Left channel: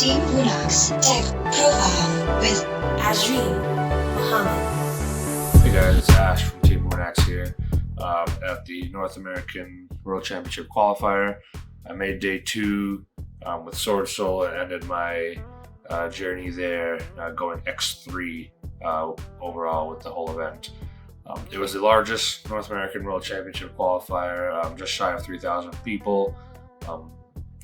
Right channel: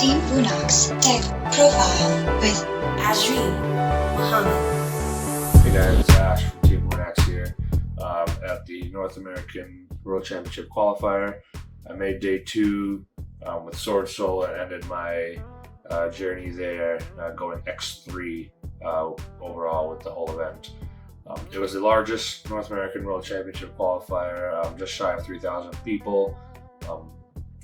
Team wnax Deck Profile with Azreen Muhammad. Hey guys, it's Ash from Team wnax here at the North American World Championship Qualifier. I made day 2 with Swordsoul and ended my journey there going X3 overall with the whole event. It was the largest North American World Championship Qualifier, just shy of 3,000 people.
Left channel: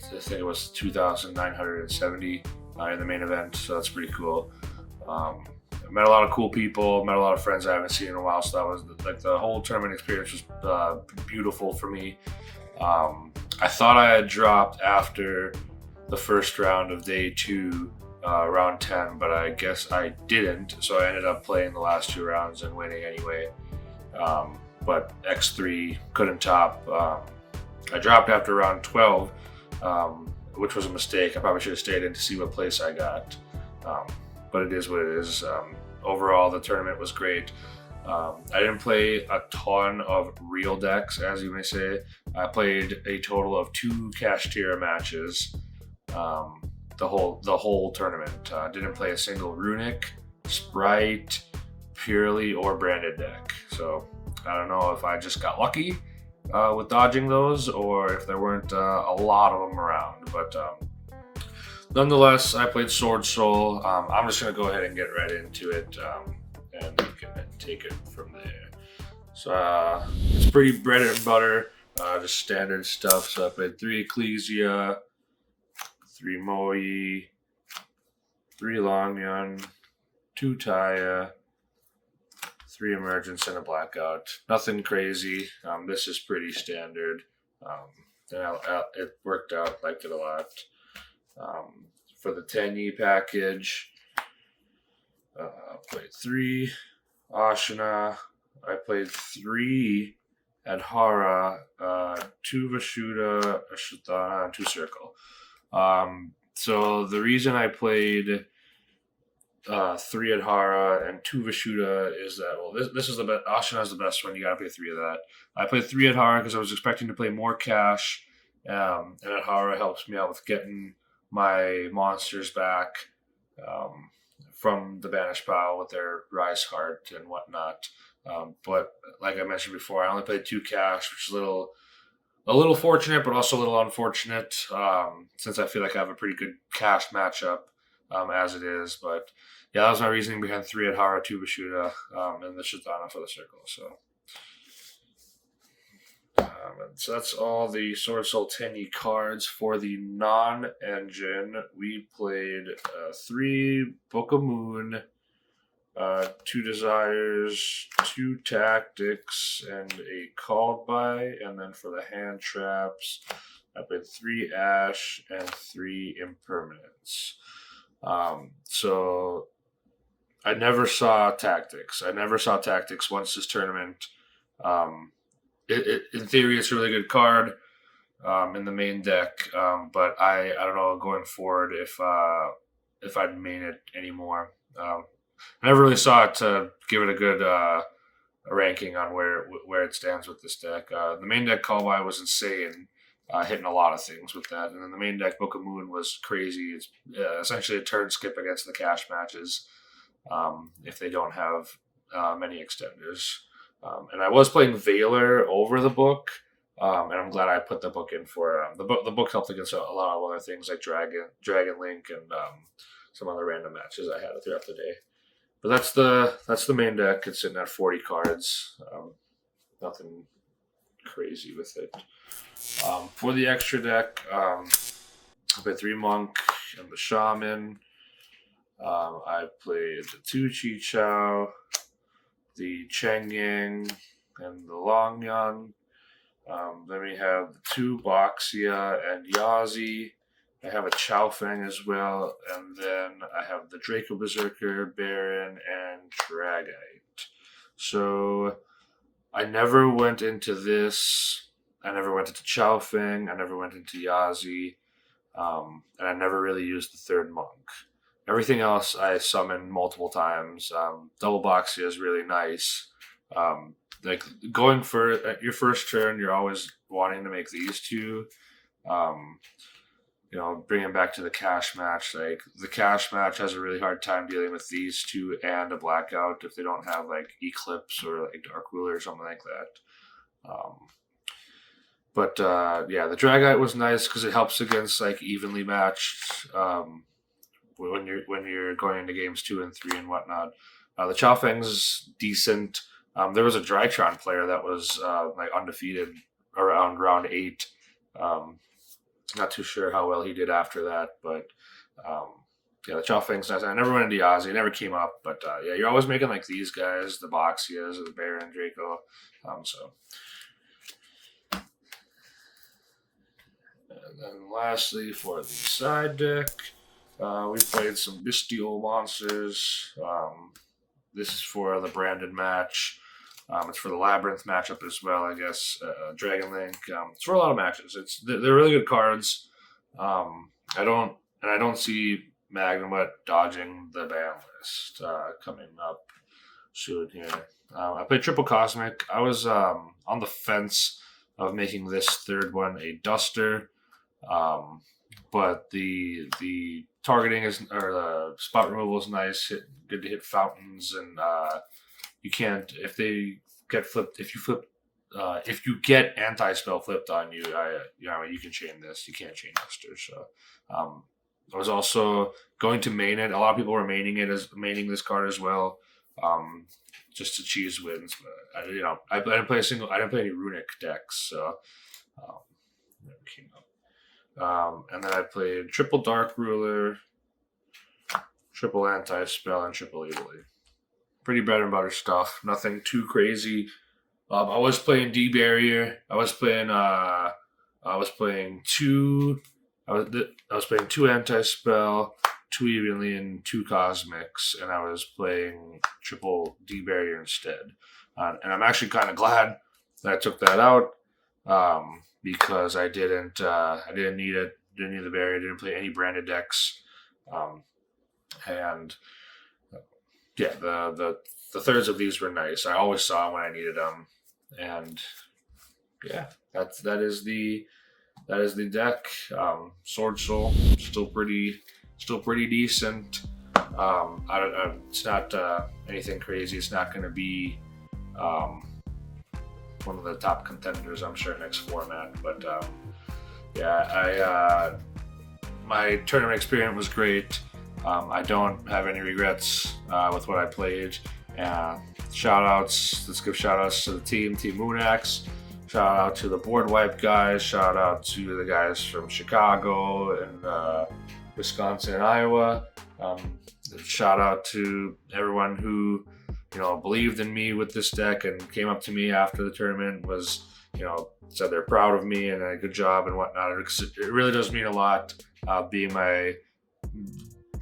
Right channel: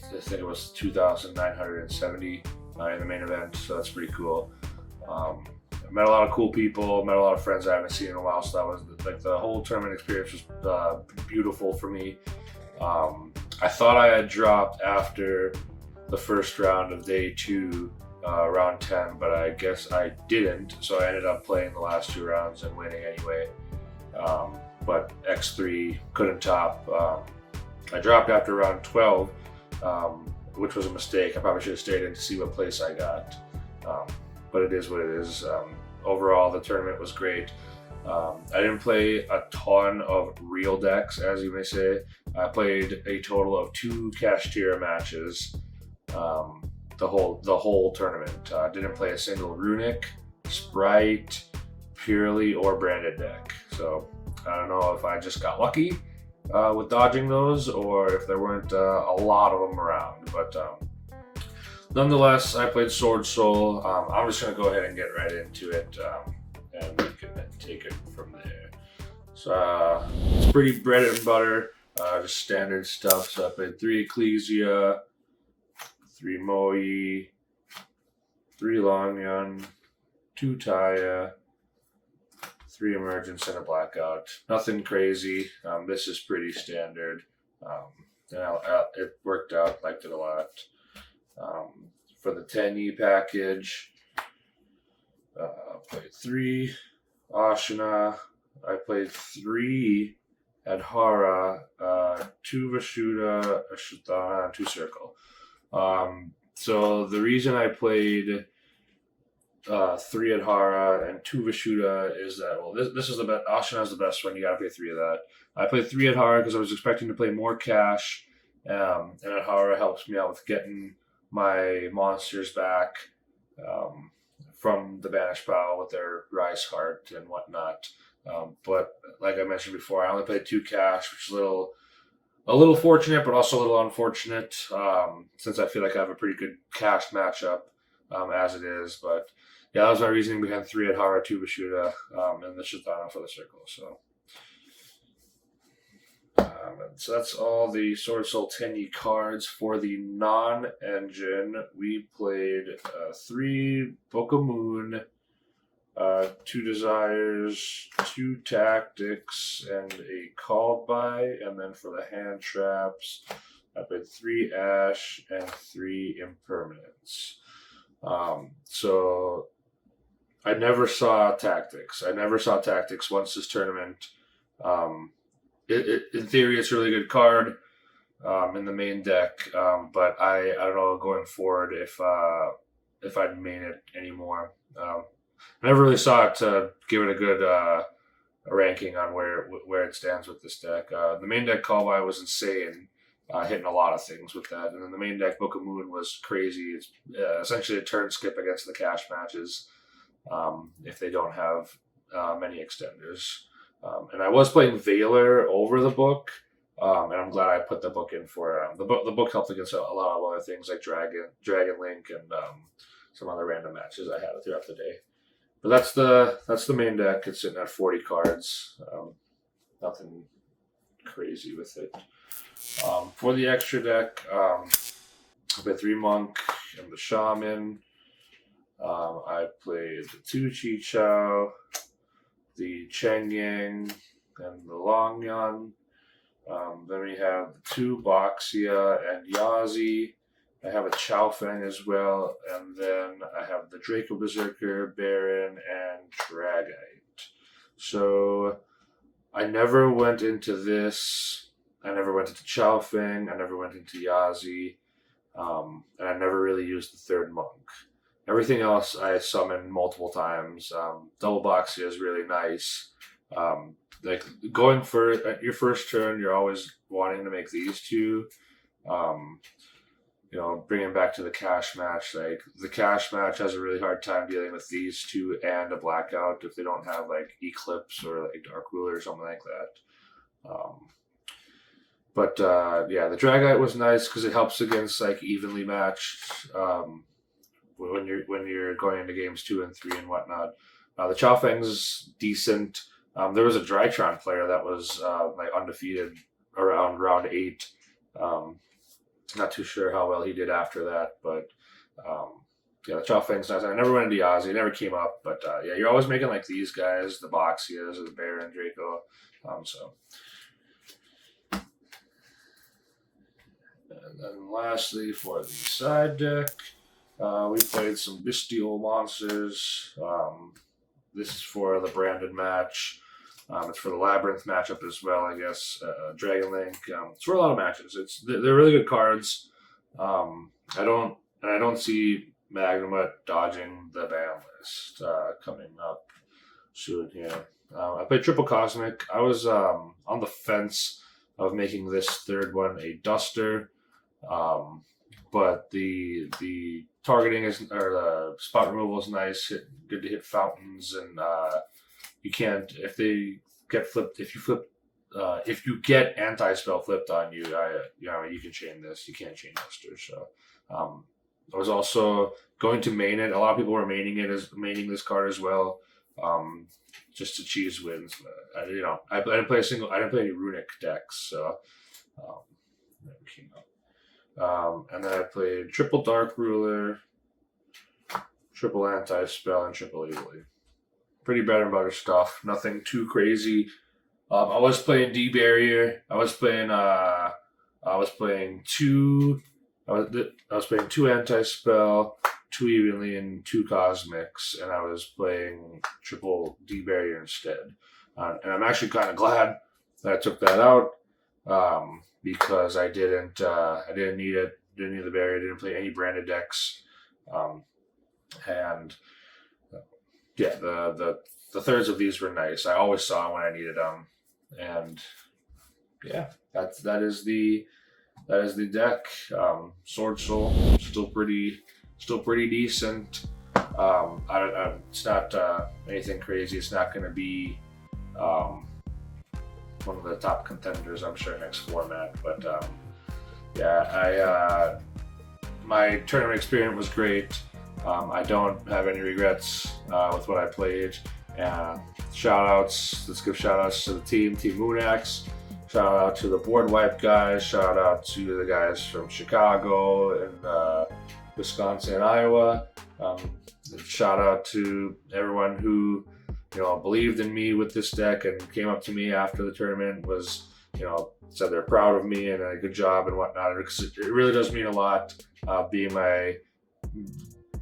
I think it was 2,970 in the main event, so that's pretty cool. I met a lot of cool people, met a lot of friends I haven't seen in a while, so that was like the whole tournament experience was beautiful for me. I thought I had dropped after the first round of day 2, round 10, but I guess I didn't, so I ended up playing the last 2 rounds and winning anyway. But X3 couldn't top. I dropped after round 12, which was a mistake. I probably should have stayed in to see what place I got. But it is what it is. Overall, the tournament was great. I didn't play a ton of real decks, as you may say. I played a total of 2 kashtira matches the whole tournament. Didn't play a single runic, SPRIGHT, purely or branded deck. So I don't know if I just got lucky with dodging those, or if there weren't a lot of them around. But nonetheless, I played Swordsoul. I'm just going to go ahead and get right into it and take it from there. So it's pretty bread and butter, just standard stuff. So I played 3 Ecclesia, 3 Moi, 3 Longyun, 2 Taya, 3 Emergence, and a Blackout. Nothing crazy. This is pretty standard. It worked out, liked it a lot. For the 10E package, I played 3 Ashina. I played 3 Adhara, 2 Vishuddha, a Shuddhana, and 2 Circle. So the reason I played 3 Adhara and 2 Vishuddha is that, well, this is the best. Ashina is the best one. You gotta play 3 of that. I played 3 Adhara because I was expecting to play more cash, and Adhara helps me out with getting my monsters back from the banished pile with their Rise Heart and whatnot. But like I mentioned before, I only played 2 cash, which is a little fortunate, but also a little unfortunate, since I feel like I have a pretty good cash matchup as it is. But yeah, that was my reasoning behind 3 Adhara, 2 Vishuddha, and the Shuddhana for the Circle. So that's all the Swordsoul 10E cards. For the non-engine, we played 3 Book of Moon, 2 Desires, 2 Tactics, and a Called By. And then for the hand traps, I played 3 Ash and 3 Impermanence. So I never saw Tactics. Once this tournament. In theory, it's a really good card in the main deck, but I don't know going forward if I'd main it anymore. I never really saw it to give it a good ranking on where it stands with this deck. The main deck Call By was insane, hitting a lot of things with that, and then the main deck Book of Moon was crazy. It's essentially a turn skip against the cash matches if they don't have many extenders. And I was playing Veiler over the book, and I'm glad I put the book in for the book. The book helped against a lot of other things like Dragon Link, and some other random matches I had throughout the day. But that's the main deck. It's sitting at 40 cards. Nothing crazy with it. For the extra deck, I played 3 Monk and the Shaman. I played 2 Chi Chao, the Cheng Yang, and the Longyun. Then we have 2 Boxia and Yazi. I have a Chao Feng as well, and then I have the Draco Berserker, Baron, and Dragite. So I never went into this. I never went into Chao Feng. I never went into Yazi, and I never really used the 3rd Monk. Everything else I summoned multiple times. Double Boxia is really nice. Like going for your first turn, you're always wanting to make these 2. you know, bringing back to the cash match, like the cash match has a really hard time dealing with these two and a blackout if they don't have like Eclipse or like Dark Ruler or something like that. Yeah, the Dragite was nice because it helps against like evenly matched when you're going into games 2 and 3 and whatnot. The Chow Fang's decent. There was a Drytron player that was like undefeated around round 8. Not too sure how well he did after that, but yeah, the Chow Fang's nice. I never went into Yazzie, it never came up, but yeah, you're always making like these guys, the Boxias, the Baron, Draco, And then lastly, for the side deck, we played some Bestial Monsters. This is for the branded match. It's for the Labyrinth matchup as well, I guess. Dragon Link. It's for a lot of matches. They're really good cards. I don't see Magnemite dodging the ban list coming up soon here. I played Triple Cosmic. I was on the fence of making this third one a Duster, but the targeting is, or the spot removal is nice. Good to hit fountains, and you can't, if they get flipped, if you get anti-spell flipped on you, you can chain this. You can't chain Duster. So I was also going to main it. A lot of people were maining this card as well, just to cheese wins. But I didn't play any runic decks, so never came up. And then I played triple Dark Ruler, triple Anti-Spell, and triple Evilly. Pretty bread and butter stuff. Nothing too crazy. I was playing D Barrier. I was playing two Anti-Spell, 2 Evenly, and 2 Cosmics, and I was playing triple D Barrier instead. And I'm actually kind of glad that I took that out, because I didn't need it. Didn't need the barrier. Didn't play any branded decks, and yeah, the thirds of these were nice. I always saw them when I needed them, and yeah, that is the deck. Swordsoul still pretty decent. It's not anything crazy. It's not going to be one of the top contenders, I'm sure, next format. But yeah, my tournament experience was great. I don't have any regrets with what I played. And let's give shout outs to the Team wnax. Shout out to the Board Wipe guys. Shout out to the guys from Chicago and Wisconsin and Iowa. Shout out to everyone who believed in me with this deck and came up to me after the tournament, said they're proud of me and a good job and whatnot. It really does mean a lot. Being my,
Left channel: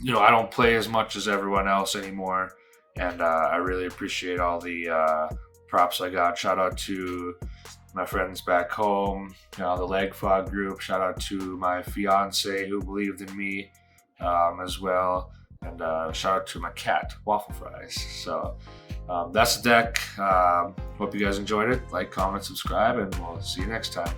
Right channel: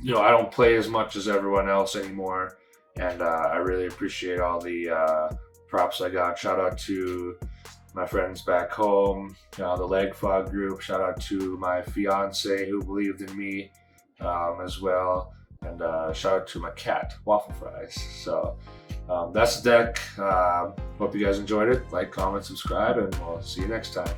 I don't play as much as everyone else anymore, and I really appreciate all the props I got. Shout out to my friends back home, the Leg Fog group. Shout out to my fiance who believed in me as well, and shout out to my cat, Waffle Fries. So that's the deck. Hope you guys enjoyed it. Like, comment, subscribe, and we'll see you next time.